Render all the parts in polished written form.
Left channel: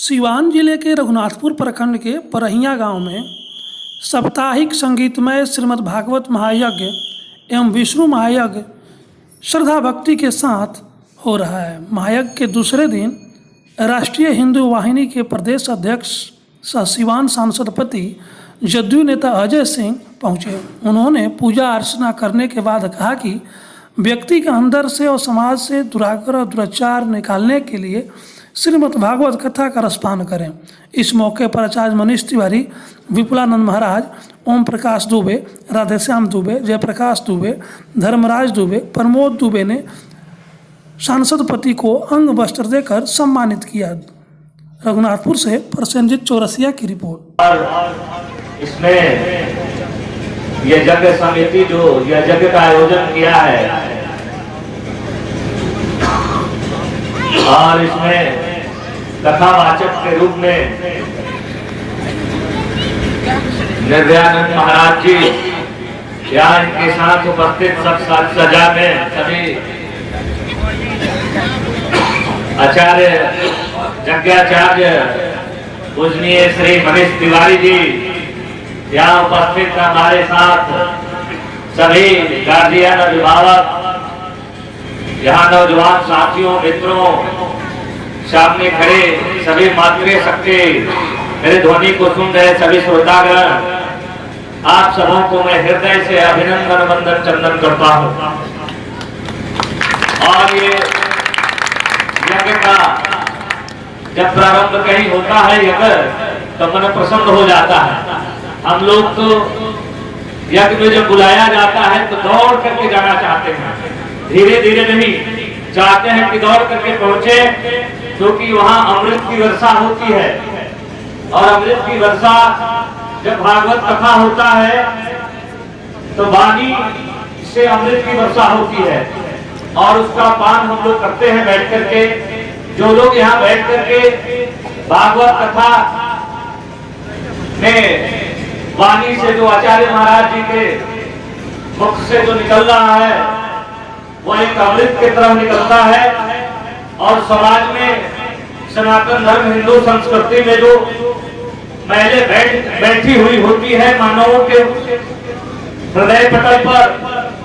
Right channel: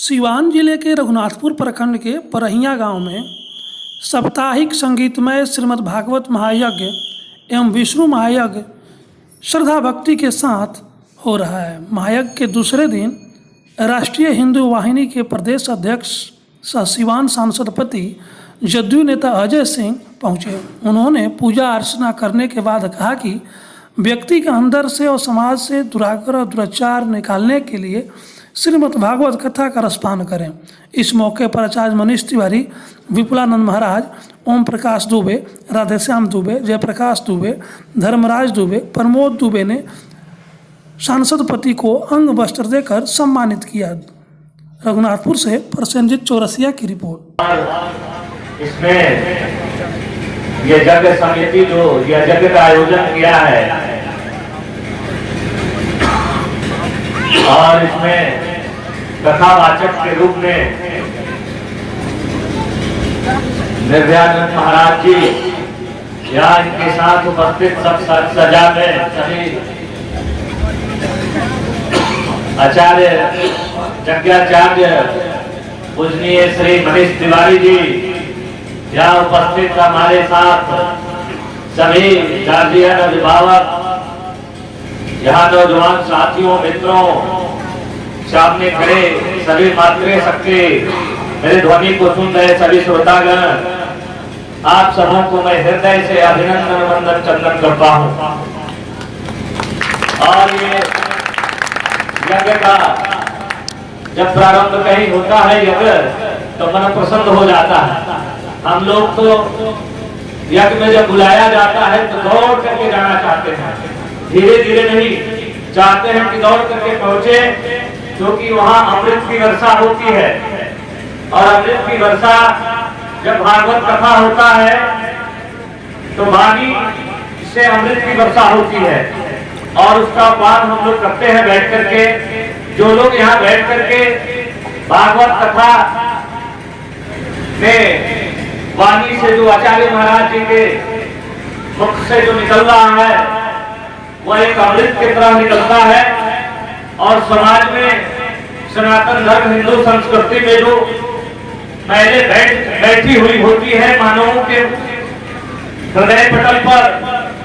सिवान जिले के रघुनाथपुर प्रखंड के परहिया गांव में साप्ताहिक संगीतमय श्रीमद् भागवत महायज्ञ एवं विष्णु महायज्ञ श्रद्धा भक्ति के साथ हो रहा है। महायज्ञ के दूसरे दिन राष्ट्रीय हिंदू वाहिनी के प्रदेश अध्यक्ष सह सिवान सांसद पति जदयू नेता अजय सिंह पहुंचे। उन्होंने पूजा अर्चना करने के बाद कहा कि व्यक्ति के अंदर से और समाज से दुराग्रह दुराचार निकालने के लिए श्रीमद् भागवत कथा का रसपान करें। इस मौके पर आचार्य मनीष तिवारी, विपुलानंद महाराज, ओम प्रकाश दुबे, राधेश्याम दुबे, जयप्रकाश दुबे, धर्मराज दुबे, प्रमोद दुबे ने सांसद पति को अंग वस्त्र देकर सम्मानित किया। रघुनाथपुर से प्रसेनजीत चौरसिया की रिपोर्ट। इसमें ये यज्ञ समिति जो यह यज्ञ का आयोजन किया है और इसमें कथावाचक के रूप में निर्भयानंद महाराज जी या इनके साथ उपस्थित सब सजा में सभी आचार्य यज्ञाचार्य पूजनीय श्री मनीष तिवारी जी, यहाँ उपस्थित हमारे साथ सभी गार्जियन, अभिभावक, यहाँ नौजवान साथियों, मित्रों, सामने खड़े सभी मातृ शक्ति, मेरे ध्वनि को सुन रहे सभी श्रोतागण, आप सबों को मैं हृदय से अभिनंदन वंदन चंदन करता हूँ। और ये यज्ञ का जब प्रारंभ कहीं होता है यज्ञ तो मन प्रसन्न हो जाता है। हम लोग तो यज्ञ में जब बुलाया जाता है तो दौड़ करके जाना चाहते हैं, धीरे धीरे नहीं चाहते हैं कि दौड़ करके पहुंचे, क्योंकि वहां अमृत की वर्षा होती है। और अमृत की वर्षा जब भागवत कथा होता है तो वाणी से अमृत की वर्षा होती है और उसका पान हम लोग करते हैं बैठ करके। जो लोग यहाँ बैठ करके भागवत कथा में वाणी से जो आचार्य महाराज जी के मुख से जो निकल रहा है वह एक अमृत की तरह निकलता है। और समाज में सनातन धर्म, हिंदू संस्कृति में जो पहले बैठी हुई होती है मानवों के हृदय पटल पर,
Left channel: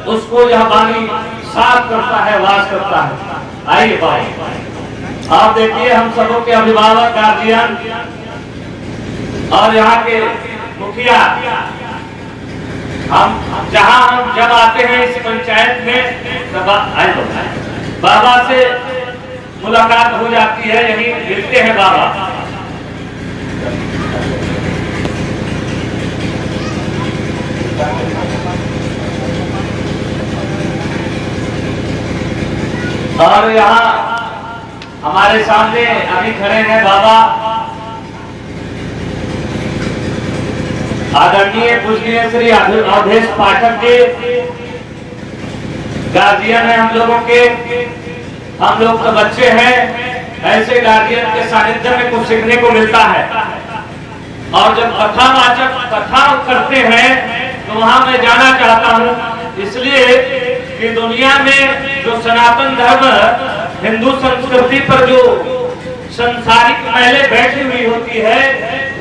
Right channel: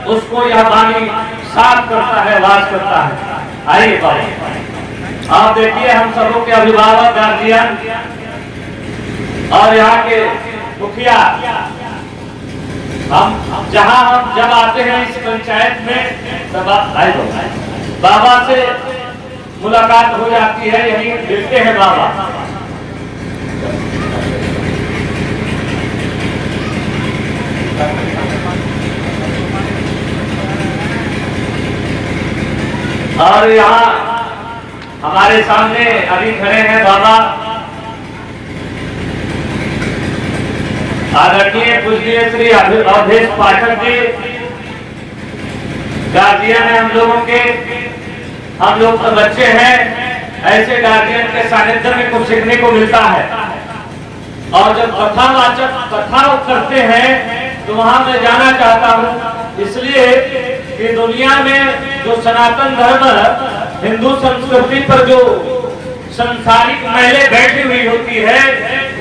उसको यह वाणी साफ करता है, वास करता है। आइए बाबा, आप देखिए हम सबों के अभिभावक, गार्जियन और यहाँ के मुखिया, हम जब आते हैं इस पंचायत में तब बाबा से मुलाकात हो जाती है, यही मिलते हैं बाबा। और यहाँ हमारे सामने अभी खड़े हैं बाबा आदरणीय पूजनीय श्री अवधेश पाठक जी, गार्जियन है हम लोगों के। हम लोग तो बच्चे हैं, ऐसे गार्जियन के सानिध्य में कुछ सीखने को मिलता है। और जब कथावाचक कथा करते हैं तो वहां मैं जाना चाहता हूँ, इसलिए कि दुनिया में जो सनातन धर्म, हिंदू संस्कृति पर जो संसारिक मैले बैठी हुई होती है,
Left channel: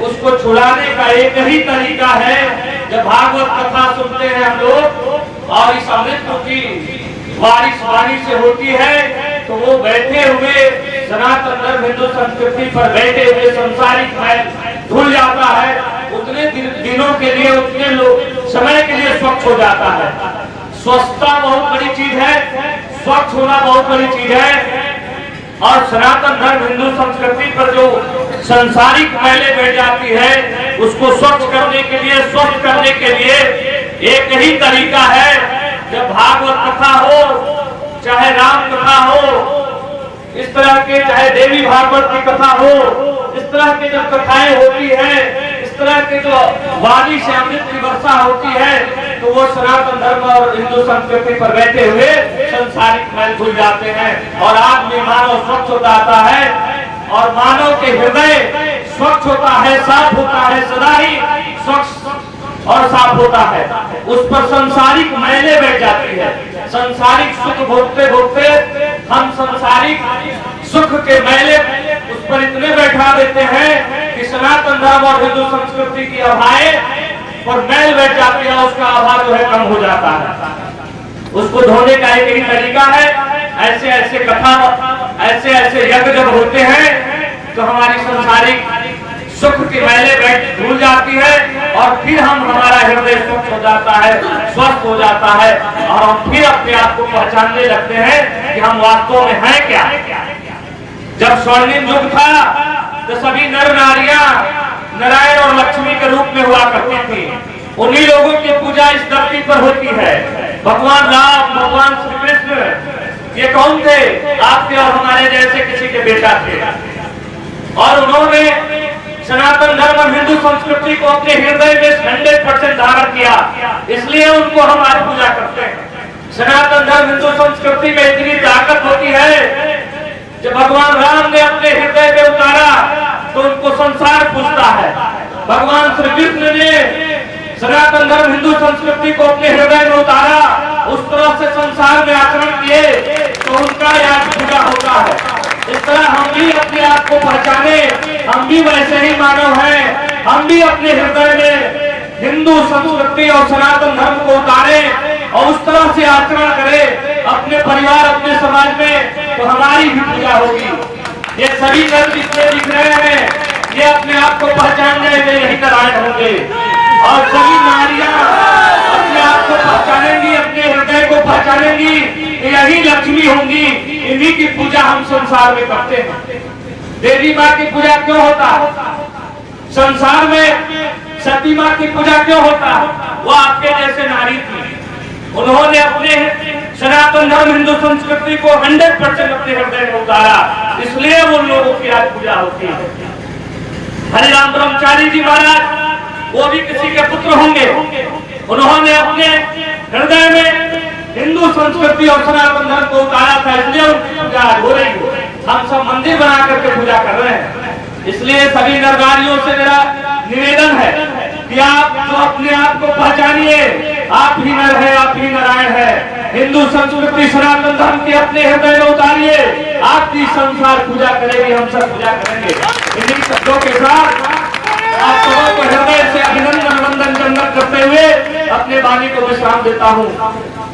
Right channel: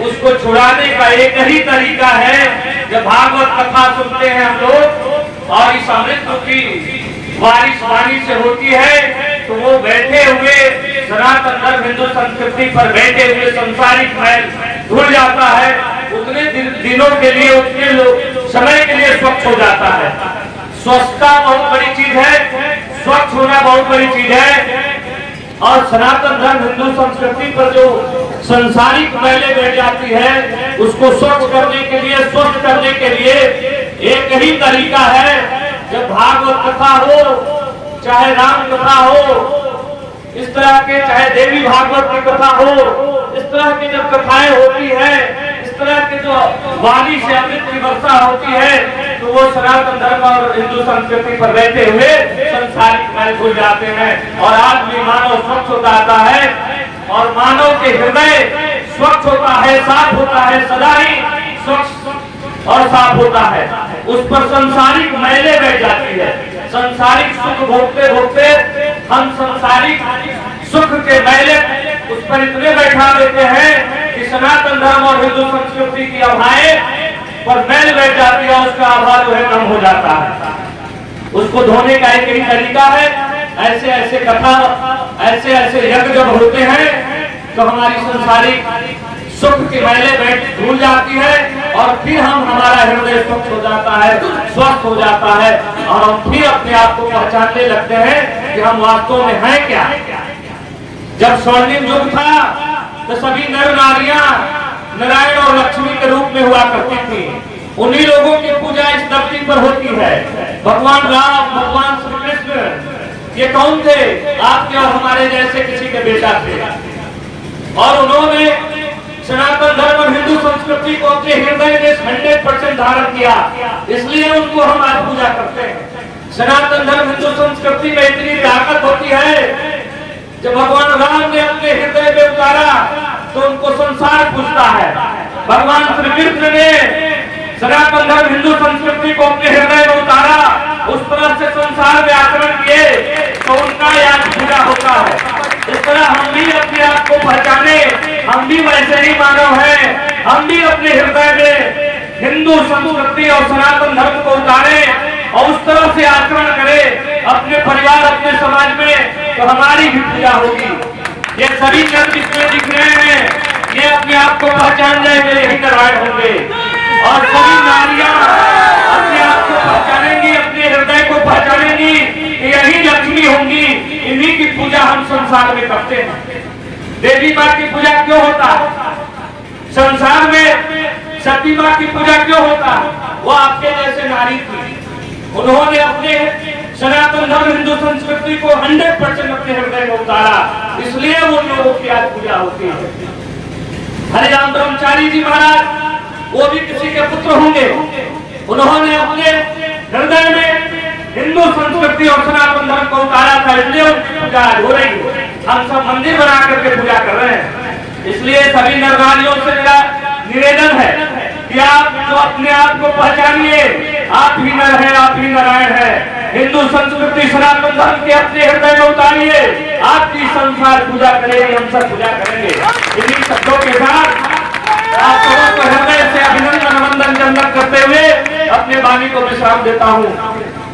उसको छुड़ाने का एक ही तरीका है। जब भागवत कथा सुनते हैं हम लोग और इस अमृत की बारिश वाणी से होती है तो वो बैठे हुए सनातन धर्म, हिंदू संस्कृति पर बैठे हुए संसारिक मैल धुल जाता है। उतने दिनों के लिए, उतने समय के लिए स्वच्छ हो जाता है। स्वच्छता बहुत बड़ी चीज है, स्वच्छ होना बहुत बड़ी चीज है। और सनातन धर्म, हिंदू संस्कृति पर जो संसारिक मैले बैठ जाती है, उसको स्वच्छ करने के लिए, स्वस्थ करने के लिए एक ही तरीका है। जब भागवत कथा हो, चाहे राम कथा हो, इस तरह के, चाहे देवी भागवत की कथा हो, इस तरह की जब कथाएं होती है, इस तरह के जो वाणी से अमृत की वर्षा होती है, तो वो सनातन धर्म और हिंदू संस्कृति पर बैठे हुए संसारिक मैल भूल जाते हैं और आदमी मानव स्वच्छ हो जाता है। और मानव के हृदय स्वच्छ होता है, साफ होता है, सदा ही स्वच्छ और साफ होता है। उस पर संसारिक मैले बैठ जाती है। संसारिक सुख भोगते भोगते हम संसारिक सुख के मैले उस पर इतने बैठा देते हैं कि सनातन धर्म और हिंदू संस्कृति की अभाएं और मैल बैठ जाती है, उसका आभार जो है कम हो जाता है। उसको धोने का एक ही तरीका है, ऐसे ऐसे कथा, ऐसे ऐसे यज्ञ जब होते हैं तो हमारी संसारिक सुख की मैले बैठ धुल जाती है और फिर हमारा हृदय स्वच्छ हो जाता है, स्वस्थ हो जाता है और हम फिर अपने आप को पहचानने लगते हैं कि हम वास्तव में हैं क्या। जब स्वर्णिम युग था तो सभी नर नारियां नारायण और लक्ष्मी के रूप में हुआ करती थी। उन्हीं लोगों की पूजा इस धरती पर होती है। भगवान राम, भगवान श्री कृष्ण, ये कौन थे? आपके और हमारे जैसे किसी के बेटा थे और उन्होंने सनातन धर्म और हिंदू संस्कृति को अपने हृदय में 100% धारण किया, इसलिए उनको हम आज पूजा करते हैं। सनातन धर्म हिंदू संस्कृति में इतनी ताकत होती है, जब भगवान राम ने अपने हृदय में उतारा तो उनको संसार पूछता है। भगवान श्री कृष्ण ने सनातन धर्म हिंदू संस्कृति को अपने हृदय में उतारा, उस तरह से संसार में आचरण किए तो उनका याद पूरा होता है। इस तरह हम भी अपने आप को पहचाने, हम भी वैसे ही मानव हैं, हम भी अपने हृदय में हिंदू संस्कृति और सनातन धर्म को उतारे और उस तरह से आचरण करें अपने परिवार, अपने समाज में, तो हमारी भी पूजा होगी। ये सभी नर जितने दिख रहे हैं, ये अपने आप को पहचान जाए वे यही नारायण होंगे और सभी नारियां अपने आप को पहचानेंगी, अपने हृदय को पहचानेंगी, यही लक्ष्मी होंगी। इन्हीं की पूजा हम संसार में करते हैं। देवी माँ की पूजा क्यों होता है? संसार में सती माँ की पूजा क्यों होता है? वो आपके जैसे नारी थी, उन्होंने अपने सनातन धर्म हिंदू संस्कृति को 100% अपने हृदय में उतारा, इसलिए उन लोगों की आज पूजा होती है। हरिराम ब्रह्मचारी जी महाराज, वो भी किसी के पुत्र होंगे, उन्होंने अपने हृदय में हिंदू संस्कृति और सनातन धर्म को उतारा था, इसलिए उनकी पूजा हो रही है। हम सब मंदिर बना करके पूजा कर रहे हैं। इसलिए सभी नर नारियों से मेरा निवेदन है कि आप जो अपने आप को पहचानिए, आप ही नर है, आप ही नारायण है। हिंदू संस्कृति सनातन धर्म के अपने हृदय में उतारिए, आपकी संसार पूजा करेगी, हम सब पूजा करेंगे। इन्हीं शब्दों के साथ आप सबों को हृदय से अभिनंदन वंदन चंदन करते हुए अपने वाणी को विश्राम देता हूँ।